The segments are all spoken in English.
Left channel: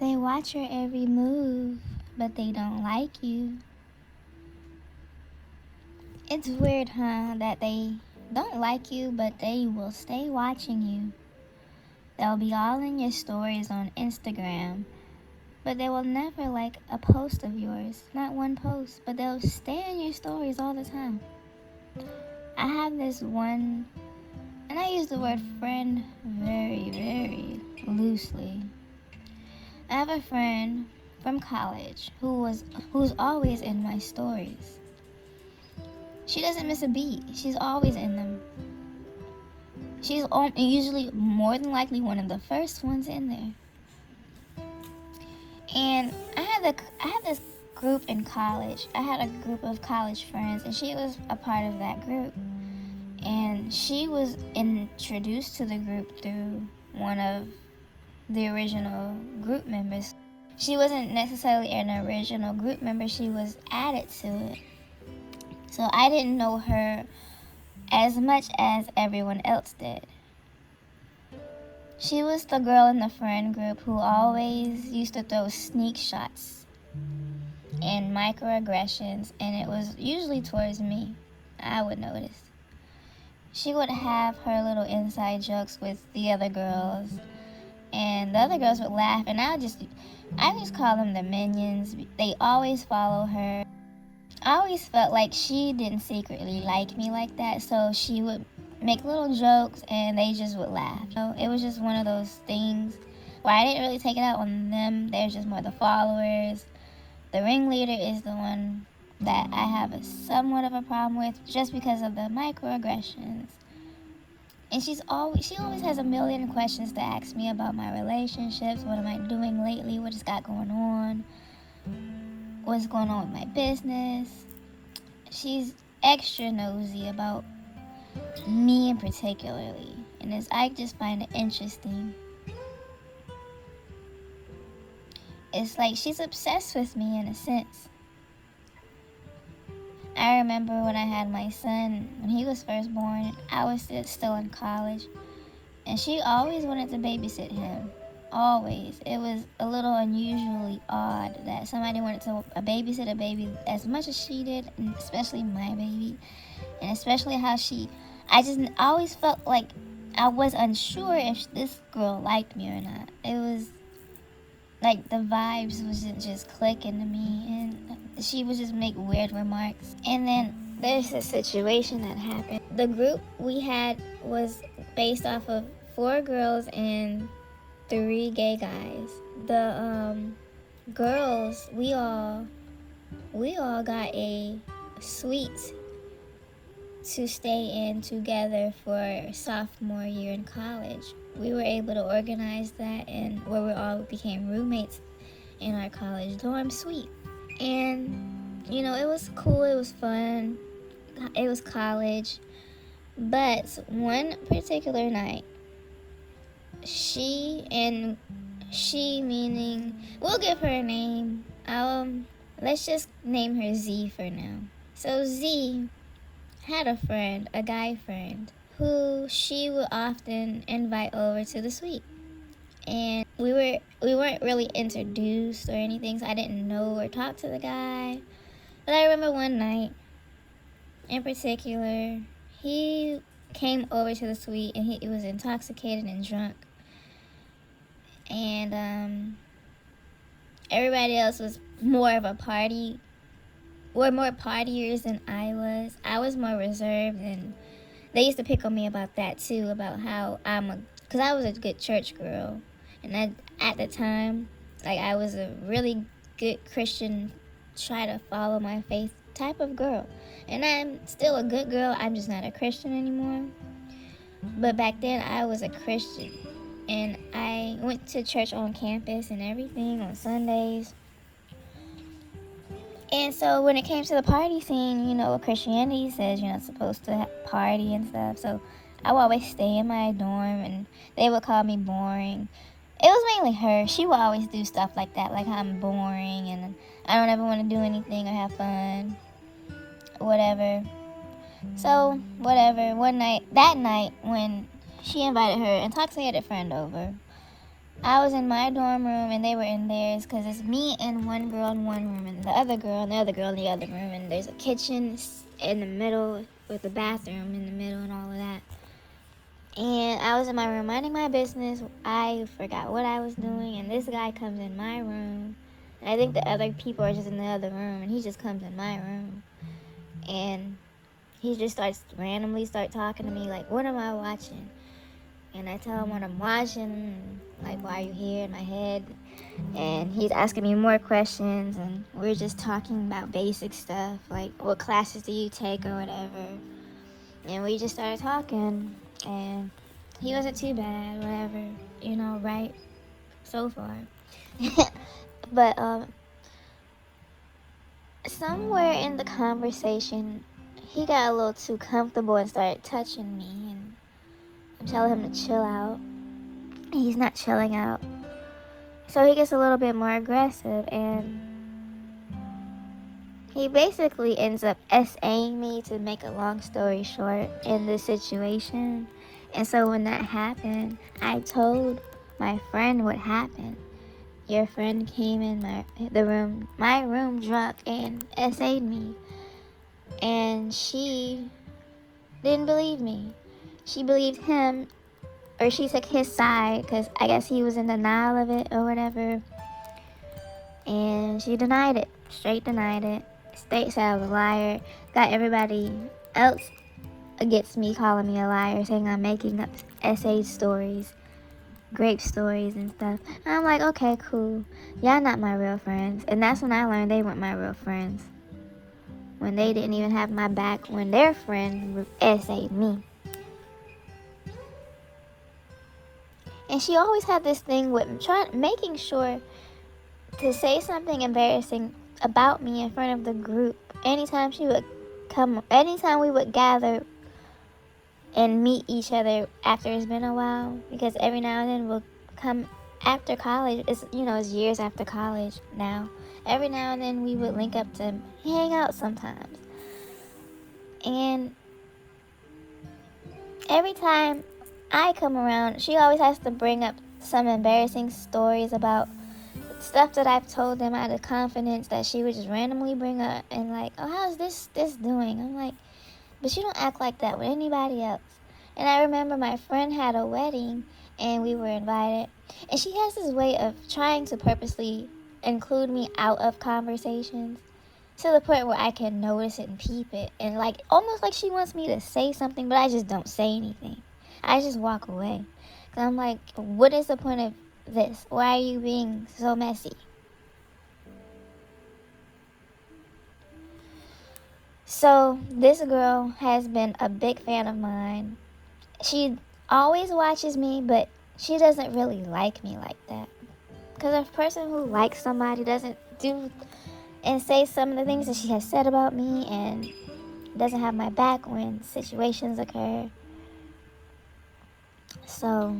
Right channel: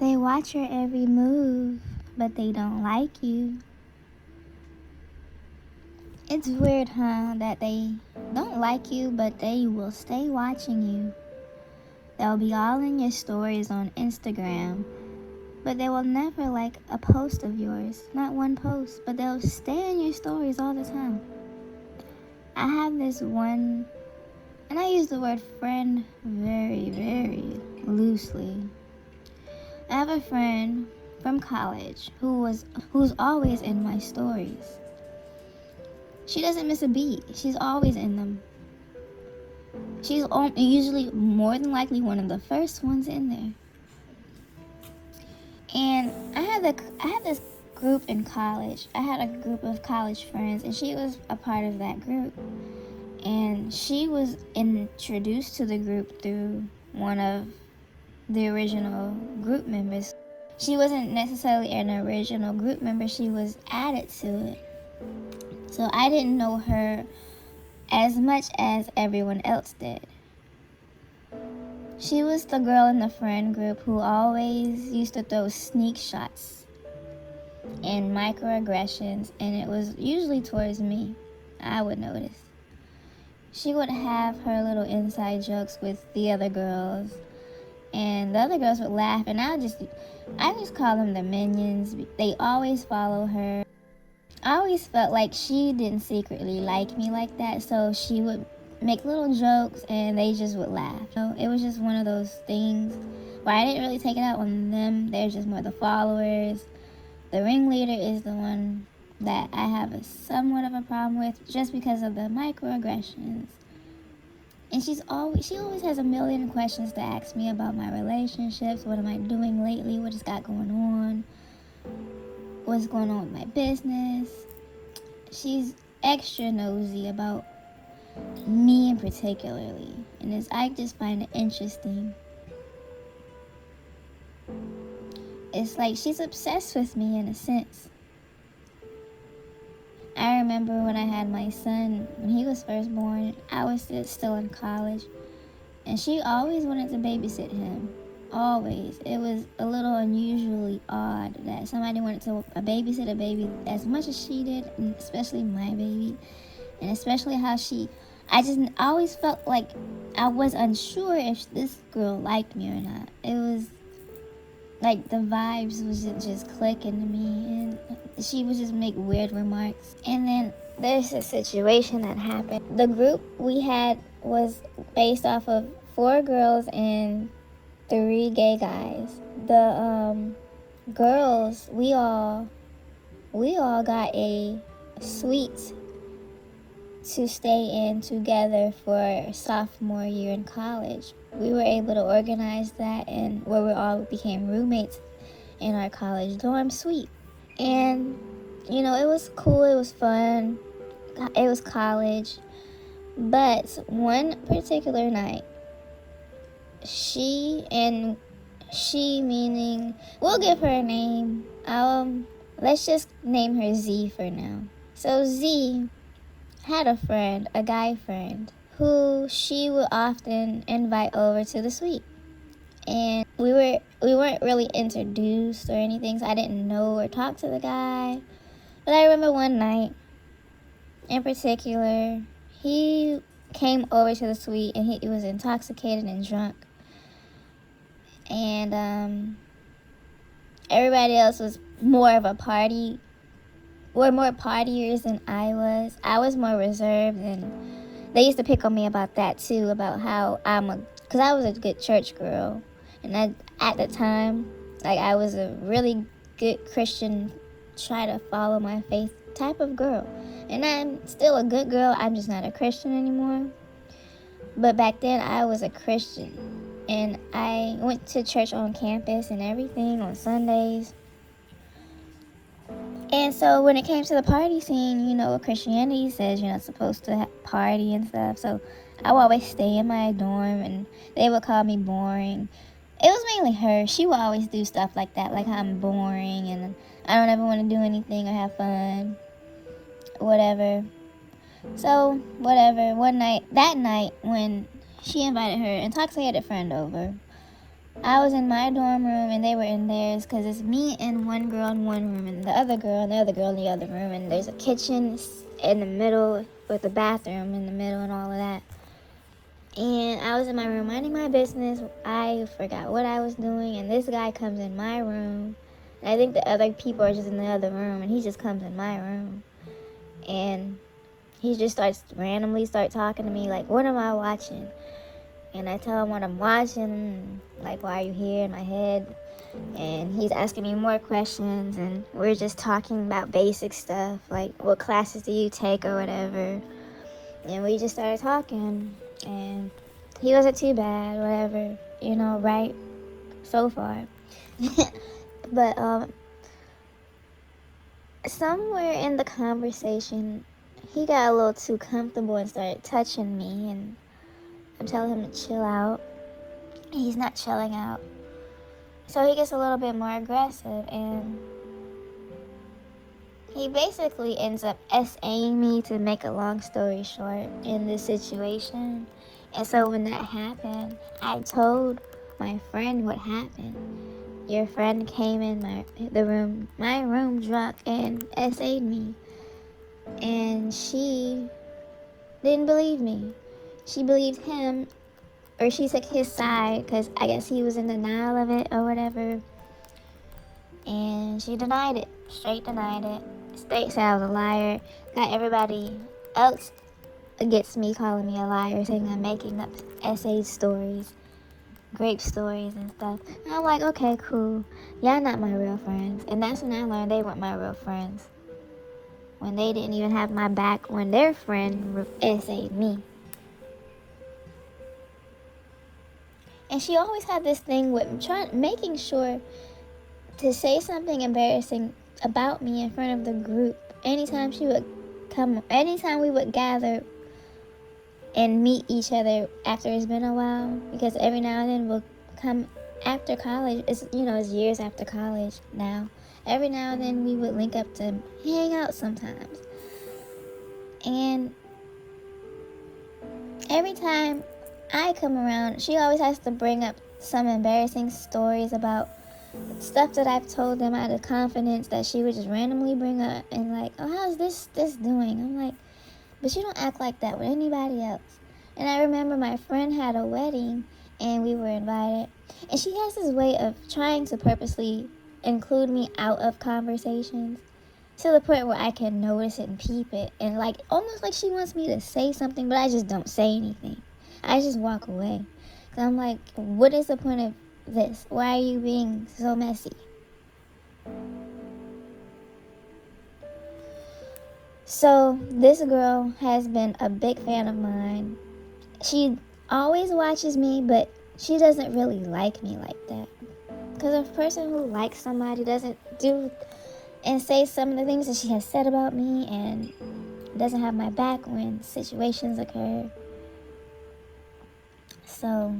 They watch your every move, but they don't like you. It's weird, huh, that they don't like you, but they will stay watching you. They'll be all in your stories on Instagram, but they will never like a post of yours. Not one post, but they'll stay in your stories all the time. I have this one, and I use the word friend very, very loosely. I have a friend from college who's always in my stories. She doesn't miss a beat. She's always in them. She's usually more than likely one of the first ones in there. And I had this group in college. I had a group of college friends, and she was a part of that group. And she was introduced to the group through one of the original group members. She wasn't necessarily an original group member, she was added to it. So I didn't know her as much as everyone else did. She was the girl in the friend group who always used to throw sneak shots and microaggressions, and it was usually towards me. I would notice. She would have her little inside jokes with the other girls, and the other girls would laugh, and I just call them the minions. They always follow her. I always felt like she didn't secretly like me like that, so she would make little jokes and they just would laugh. So it was just one of those things where I didn't really take it out on them. They're just more the followers. The ringleader is the one that I have somewhat of a problem with just because of the microaggressions. And she always has a million questions to ask me about my relationships. What am I doing lately? What has got going on? What's going on with my business? She's extra nosy about me particularly, and I just find it interesting. It's like she's obsessed with me in a sense. I remember when I had my son, when he was first born, I was still in college, and she always wanted to babysit him. Always. It was a little unusually odd that somebody wanted to babysit a baby as much as she did, and especially my baby, and especially how I always felt like I was unsure if this girl liked me or not. It was like the vibes was just clicking to me, and she would just make weird remarks. And then there's a situation that happened. The group we had was based off of 4 girls and 3 gay guys. The girls, we all got a suite to stay in together for sophomore year in college. We were able to organize that, and where we all became roommates in our college dorm suite. And it was cool, it was fun, it was college. But one particular night, she meaning, we'll give her a name. Let's just name her Z for now. So Z had a friend, a guy friend, who she would often invite over to the suite. And we weren't really introduced or anything, so I didn't know or talk to the guy. But I remember one night in particular, he came over to the suite and he was intoxicated and drunk. And everybody else was more of a party. Were more partiers than I was. I was more reserved, and they used to pick on me about that too, about how because I was a good church girl, and at the time, like, I was a really good Christian, try to follow my faith type of girl. And I'm still a good girl, I'm just not a Christian anymore. But back then, I was a Christian, and I went to church on campus and everything on Sundays. And so when it came to the party scene, Christianity says you're not supposed to party and stuff. So I would always stay in my dorm, and they would call me boring. It was mainly her. She would always do stuff like that, like I'm boring and I don't ever want to do anything or have fun, whatever. So, whatever. That night when she invited her intoxicated friend over, I was in my dorm room and they were in theirs, because it's me and one girl in one room and the other girl and the other girl in the other room, and there's a kitchen in the middle with a bathroom in the middle and all of that. And I was in my room minding my business. I forgot what I was doing, and this guy comes in my room. And I think the other people are just in the other room, and he just comes in my room. And he just randomly start talking to me like, what am I watching? And I tell him what I'm watching, like, why are you here, in my head. And he's asking me more questions, and we're just talking about basic stuff, like what classes do you take or whatever. And we just started talking, and he wasn't too bad, whatever, right? So far. But somewhere in the conversation, he got a little too comfortable and started touching me, and I'm telling him to chill out. He's not chilling out. So he gets a little bit more aggressive, and he basically ends up SAing me, to make a long story short, in this situation. And so when that happened, I told my friend what happened. Your friend came in my room drunk and SA'd me. And she didn't believe me. She believed him, or she took his side, because I guess he was in denial of it or whatever. And she denied it, straight denied it. Straight said I was a liar. Got everybody else against me, calling me a liar, saying I'm making up essay stories, grape stories and stuff. And I'm like, okay, cool. Y'all not my real friends. And that's when I learned they weren't my real friends. When they didn't even have my back when their friend essayed me. And she always had this thing with making sure to say something embarrassing about me in front of the group. Anytime we would gather and meet each other after it's been a while, because every now and then we'll come after college. It's years after college now. Every now and then we would link up to hang out sometimes. And every time I come around, she always has to bring up some embarrassing stories about stuff that I've told them out of confidence, that she would just randomly bring up, and like, oh, how's this doing? I'm like, but you don't act like that with anybody else. And I remember my friend had a wedding and we were invited, and she has this way of trying to purposely include me out of conversations, to the point where I can notice it and peep it, and like almost like she wants me to say something, but I just don't say anything. I just walk away. So I'm like, what is the point of this? Why are you being so messy? So this girl has been a big fan of mine. She always watches me, but she doesn't really like me like that. Because a person who likes somebody doesn't do and say some of the things that she has said about me, and doesn't have my back when situations occur. So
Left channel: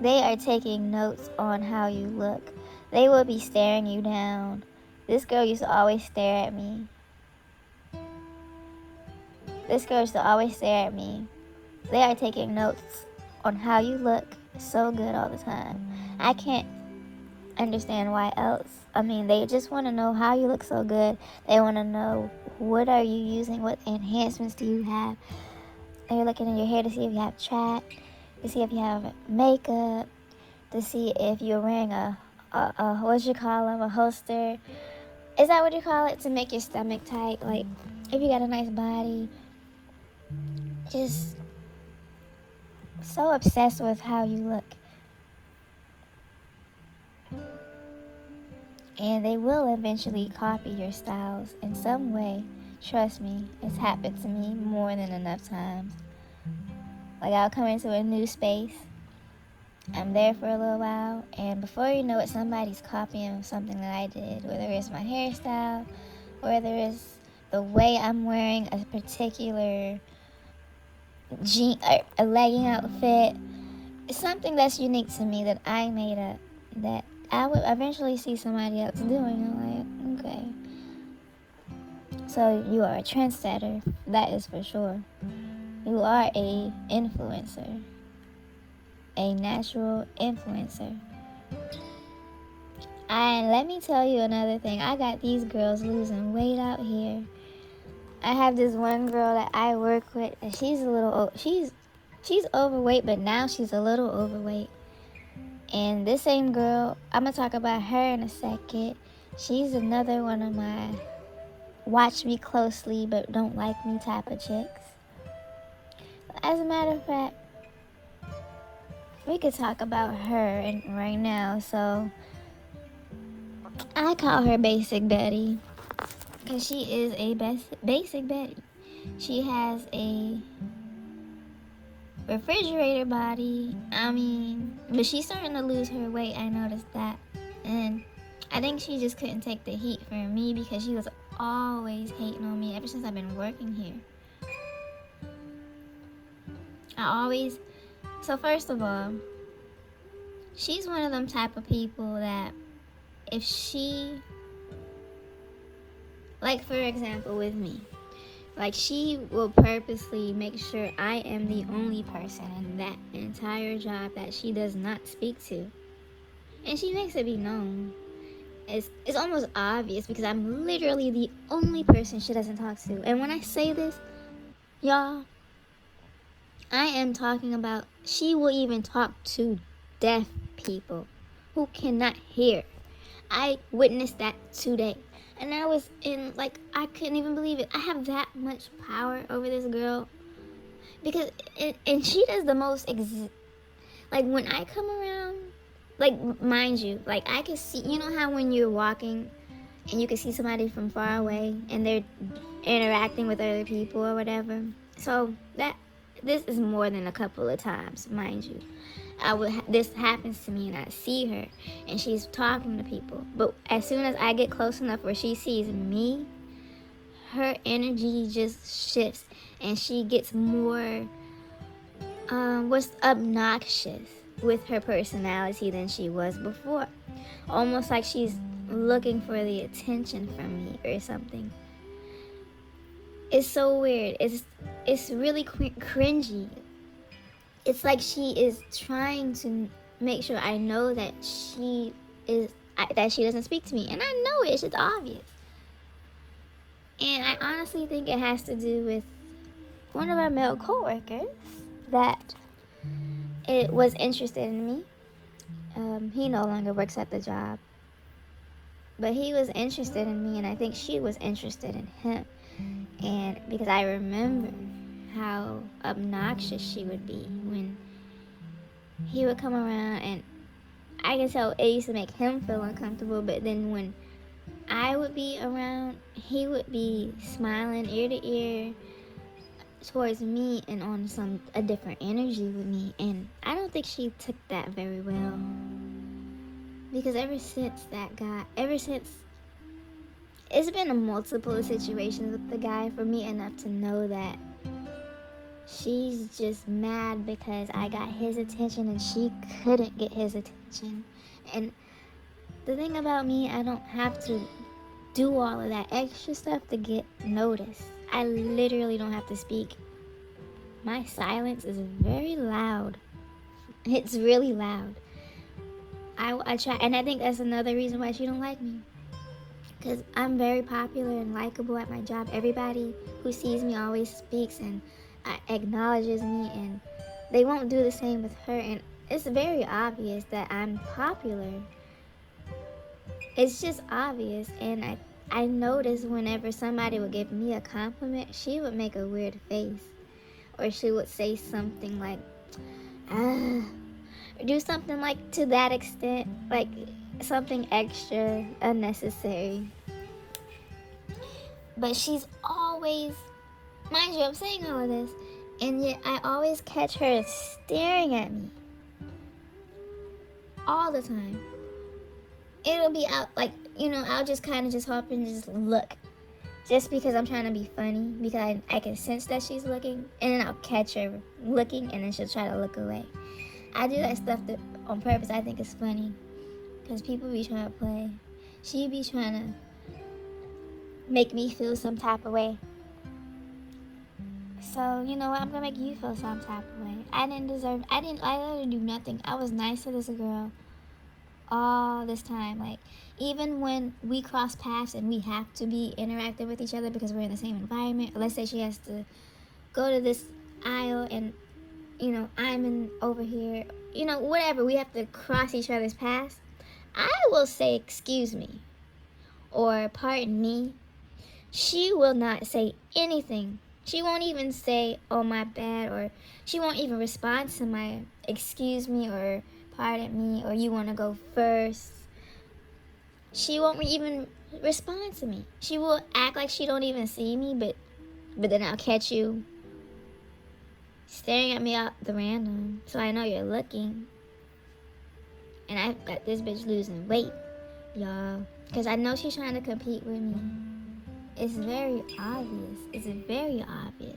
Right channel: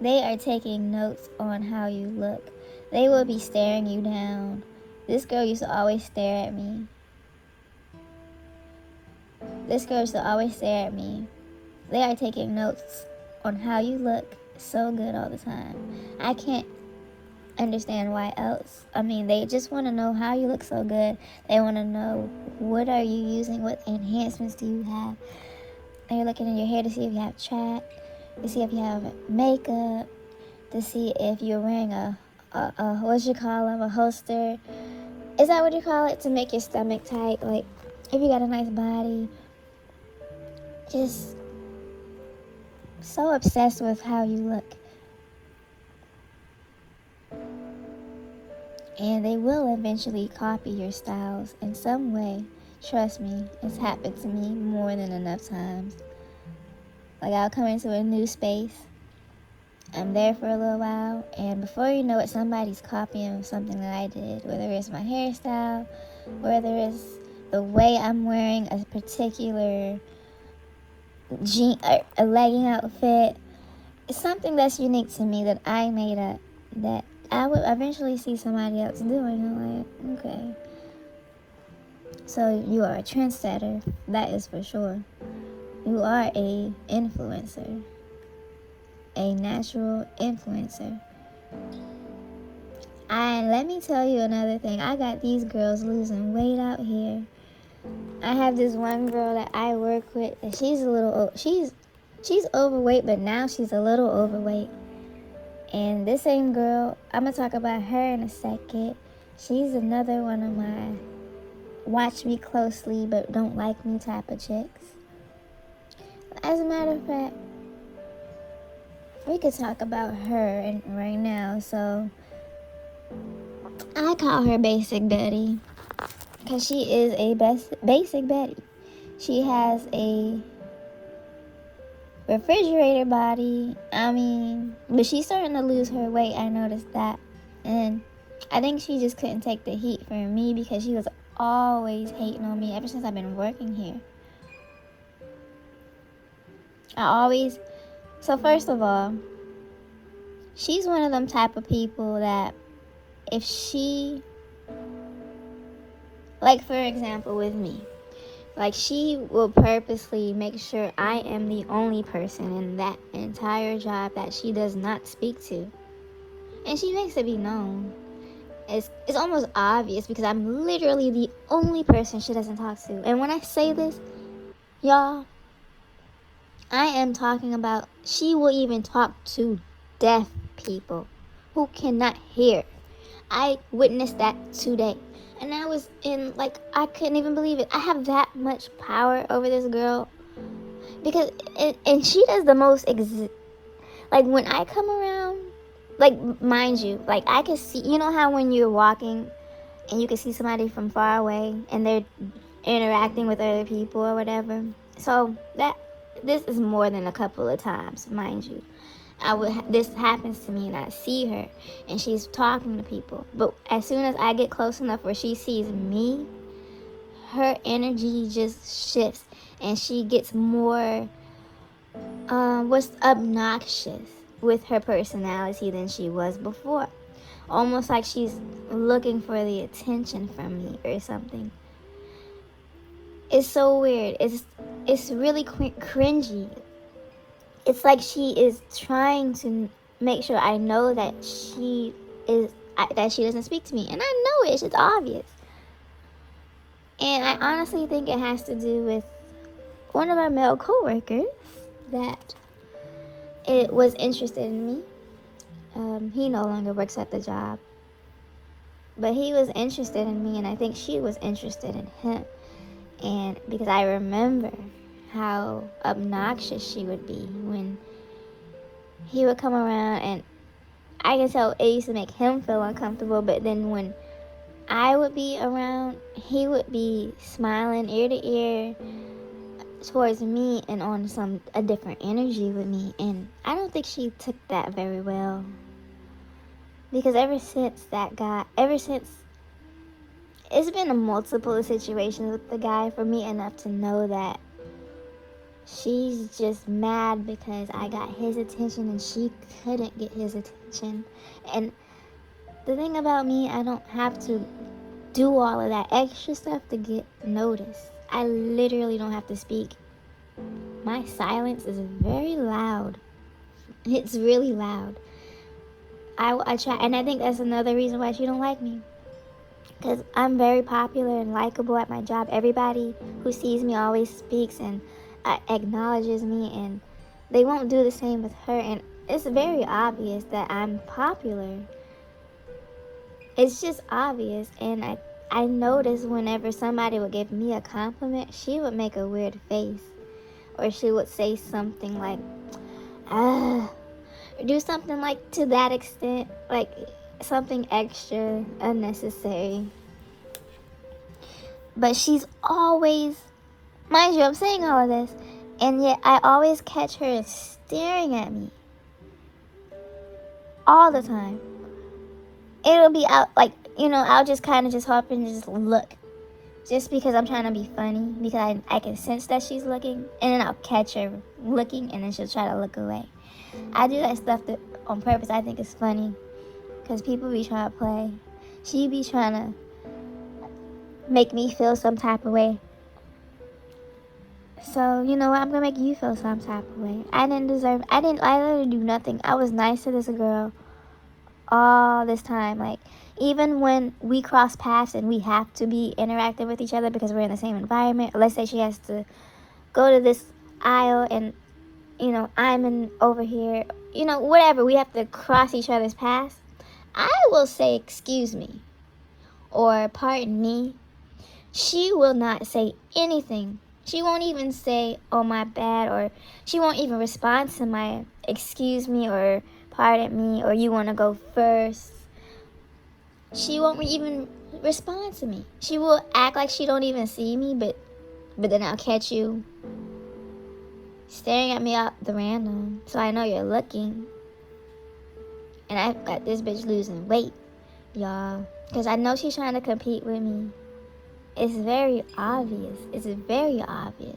they are taking notes on how you look. They will be staring you down. This girl used to always stare at me. They are taking notes on how you look so good all the time. I can't understand why else. I mean, they just want to know how you look so good. They want to know, what are you using? What enhancements do you have? Are you looking in your hair to see if you have track? To see if you have makeup? To see if you're wearing a holster? Is that what you call it? To make your stomach tight? Like, if you got a nice body. Just so obsessed with how you look. And they will eventually copy your styles in some way. Trust me, it's happened to me more than enough times. Like, I'll come into a new space, I'm there for a little while, and before you know it, somebody's copying something that I did. Whether it's my hairstyle, whether it's the way I'm wearing a particular a legging outfit. It's something that's unique to me that I made up, that I would eventually see somebody else doing. I'm like, okay. So you are a trendsetter, that is for sure. You are a influencer. a natural influencer. And let me tell you another thing. I got these girls losing weight out here. I have this one girl that I work with. And she's overweight, but now she's a little overweight. And this same girl, I'm gonna talk about her in a second. She's another one of my watch me closely but don't like me type of chicks. As a matter of fact, we could talk about her right now. So I call her Basic Betty because she is a Basic Betty. She has a refrigerator body. But she's starting to lose her weight. I noticed that. And I think she just couldn't take the heat from me because she was always hating on me ever since I've been working here. So first of all, she's one of them type of people that if she, like for example with me, like she will purposely make sure I am the only person in that entire job that she does not speak to. And she makes it be known. It's almost obvious because I'm literally the only person she doesn't talk to. And when I say this, y'all, I am talking about she will even talk to deaf people who cannot hear. I witnessed that today. And I was I couldn't even believe it. I have that much power over this girl. Because, and she does the most, when I come around, mind you, I can see, you know how when you're walking and you can see somebody from far away and they're interacting with other people or whatever. So this is more than a couple of times, mind you. This happens to me and I see her and she's talking to people. But as soon as I get close enough where she sees me, her energy just shifts and she gets more, obnoxious with her personality than she was before. Almost like she's looking for the attention from me or something. It's so weird. It's really cringy. It's like she is trying to make sure I know that she doesn't speak to me. And I know it. It's obvious. And I honestly think it has to do with one of our male coworkers that it was interested in me. He no longer works at the job. But he was interested in me, and I think she was interested in him. And because I remember how obnoxious she would be when he would come around, and I can tell it used to make him feel uncomfortable, but then when I would be around, he would be smiling ear to ear towards me and on a different energy with me. And I don't think she took that very well, because ever since it's been a multiple situations with the guy for me enough to know that she's just mad because I got his attention and she couldn't get his attention. And the thing about me, I don't have to do all of that extra stuff to get noticed. I literally don't have to speak. My silence is very loud. It's really loud. I try, and I think that's another reason why she don't like me. Because I'm very popular and likable at my job. Everybody who sees me always speaks and acknowledges me, and they won't do the same with her. And it's very obvious that I'm popular. It's just obvious. And I noticed whenever somebody would give me a compliment, she would make a weird face. Or she would say something like, do something like to that extent, like something extra unnecessary. But she's always, mind you, I'm saying all of this, and yet I always catch her staring at me all the time. It'll be out, I'll just kind of just hop and just look, just because I'm trying to be funny, because I can sense that she's looking, and then I'll catch her looking, and then she'll try to look away. I do that stuff on purpose. I think it's funny, because people be trying to play. She be trying to make me feel some type of way. So, you know what? I'm gonna make you feel some type of way. I literally do nothing. I was nice to this girl all this time. Like, even when we cross paths and we have to be interacting with each other because we're in the same environment, let's say she has to go to this aisle and, you know, I'm in over here, you know, whatever, we have to cross each other's paths, I will say, excuse me, or pardon me. She will not say anything. She won't even say, oh, my bad, or she won't even respond to my excuse me or pardon me or you want to go first. She won't even respond to me. She will act like she don't even see me, but then I'll catch you staring at me out the random, so I know you're looking. And I've got this bitch losing weight, y'all, because I know she's trying to compete with me. It's very obvious. It's very obvious.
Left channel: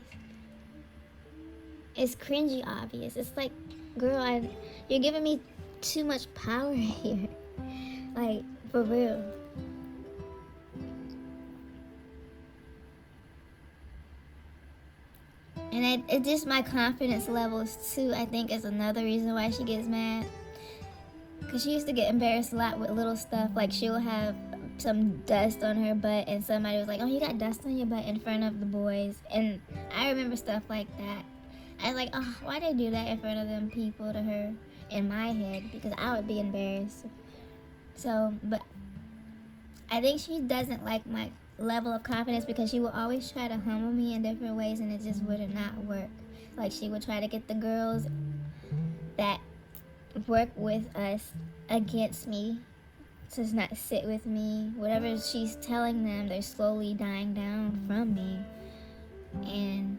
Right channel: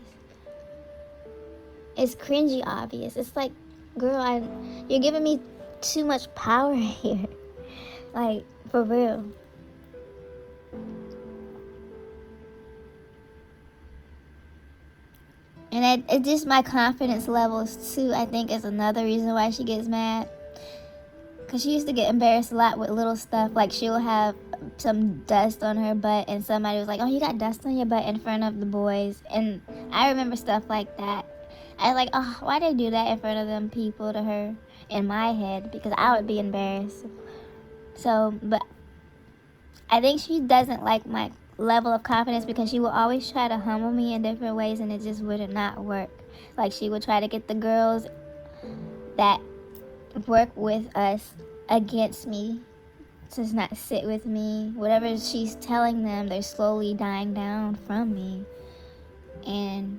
It's cringy obvious. It's like, girl, you're giving me too much power here. Like, for real. And it just my confidence levels too, I think, is another reason why she gets mad. Because she used to get embarrassed a lot with little stuff. Like, she'll have some dust on her butt and somebody was like, oh, you got dust on your butt in front of the boys. And I remember stuff like that. I was like, oh, why they do that in front of them people to her in my head? Because I would be embarrassed. So, but I think she doesn't like my level of confidence because she will always try to humble me in different ways and it just would not work. Like, she would try to get the girls that work with us against me to not sit with me. Whatever she's telling them, they're slowly dying down from me. And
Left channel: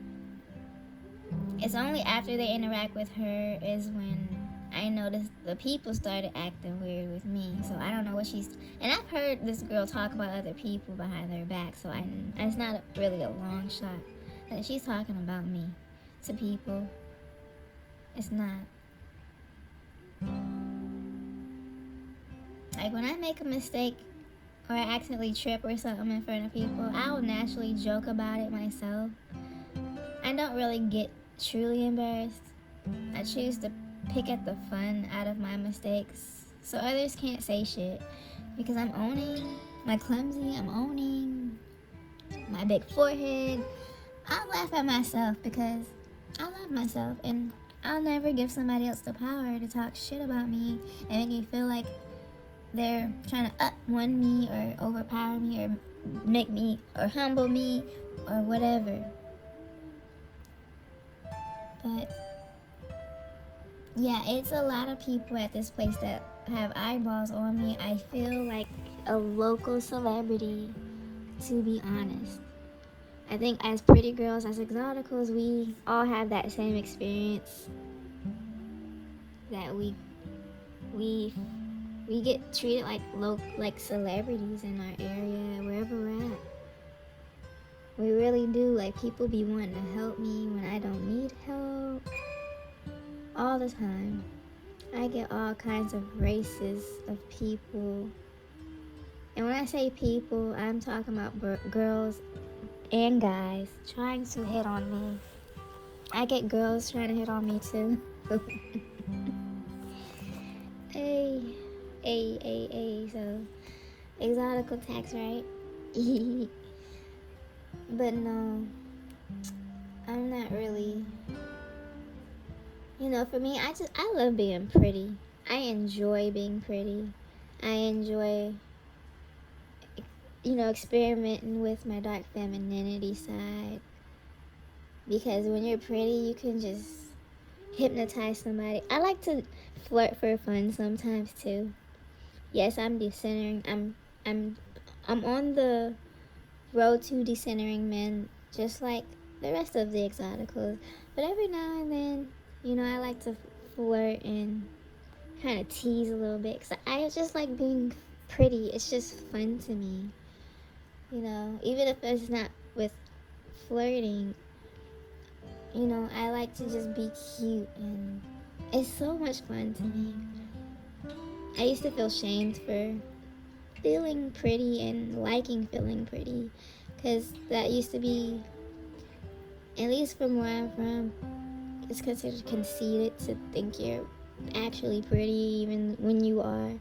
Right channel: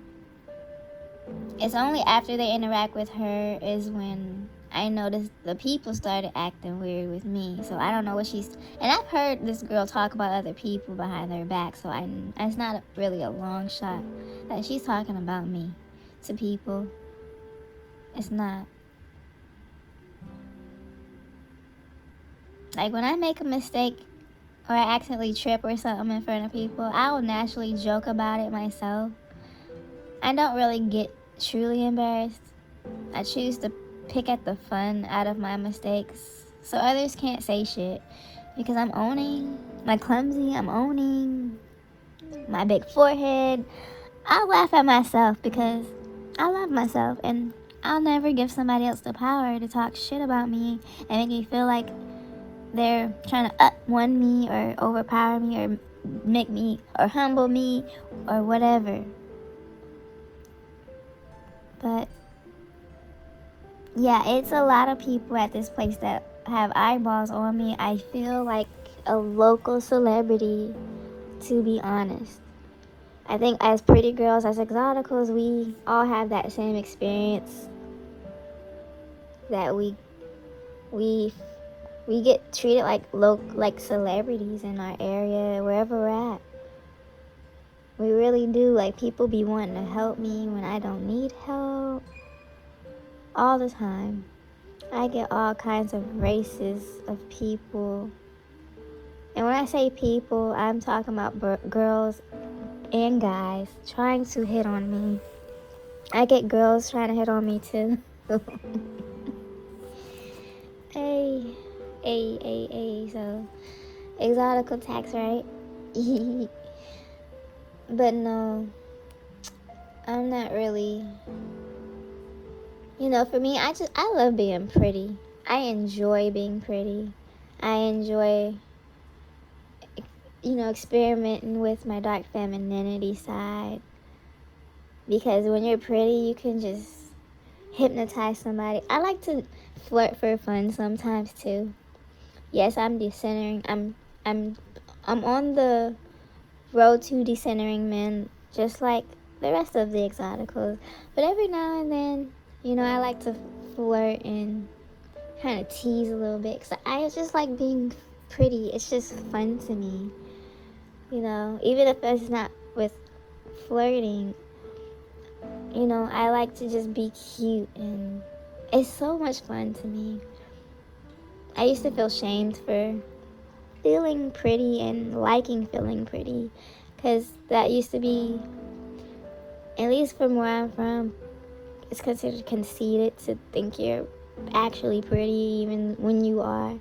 it's only after they interact with her is when I noticed the people started acting weird with me. So I don't know what she's... And I've heard this girl talk about other people behind their back, so it's not really a long shot that she's talking about me to people. It's not. Like, when I make a mistake or I accidentally trip or something in front of people, I will naturally joke about it myself. I don't really get truly embarrassed. I choose to pick at the fun out of my mistakes so others can't say shit because I'm owning my clumsy, I'm owning my big forehead. I'll laugh at myself because I love myself and I'll never give somebody else the power to talk shit about me and make me feel like they're trying to up-one me or overpower me or make me or humble me or whatever. But yeah, it's a lot of people at this place that have eyeballs on me. I feel like a local celebrity, to be honest. I think as pretty girls, as exoticals, we all have that same experience. That we get treated like celebrities in our area, wherever we're at. We really do. Like, people be wanting to help me when I don't need help. All the time. I get all kinds of races of people. And when I say people, I'm talking about girls and guys trying to hit on me. I get girls trying to hit on me too. Hey, so exotic attacks, right? But no, I'm not really. You know, for me, I love being pretty. I enjoy being pretty. I enjoy, experimenting with my dark femininity side. Because when you're pretty, you can just hypnotize somebody. I like to flirt for fun sometimes too. Yes, I'm decentering. I'm on the road to decentering men, just like the rest of the exoticals. But every now and then, I like to flirt and kind of tease a little bit. 'Cause I just like being pretty. It's just fun to me. Even if it's not with flirting, I like to just be cute. And it's so much fun to me. I used to feel shamed for feeling pretty and liking feeling pretty. Because that used to be At least from where I'm from, it's considered conceited to think you're actually pretty even when you are.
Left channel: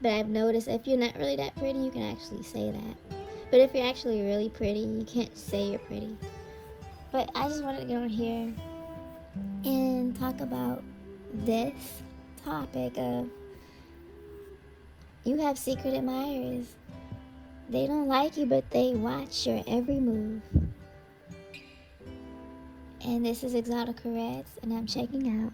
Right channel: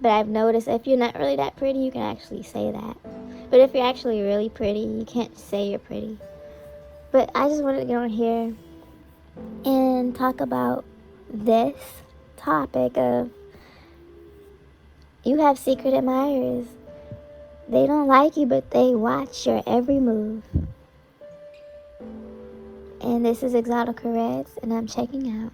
But I've noticed if you're not really that pretty, you can actually say that. But if you're actually really pretty, you can't say you're pretty. But I just wanted to get on here and talk about this topic of you have secret admirers. They don't like you, but they watch your every move. And this is Exotica Reds, and I'm checking out.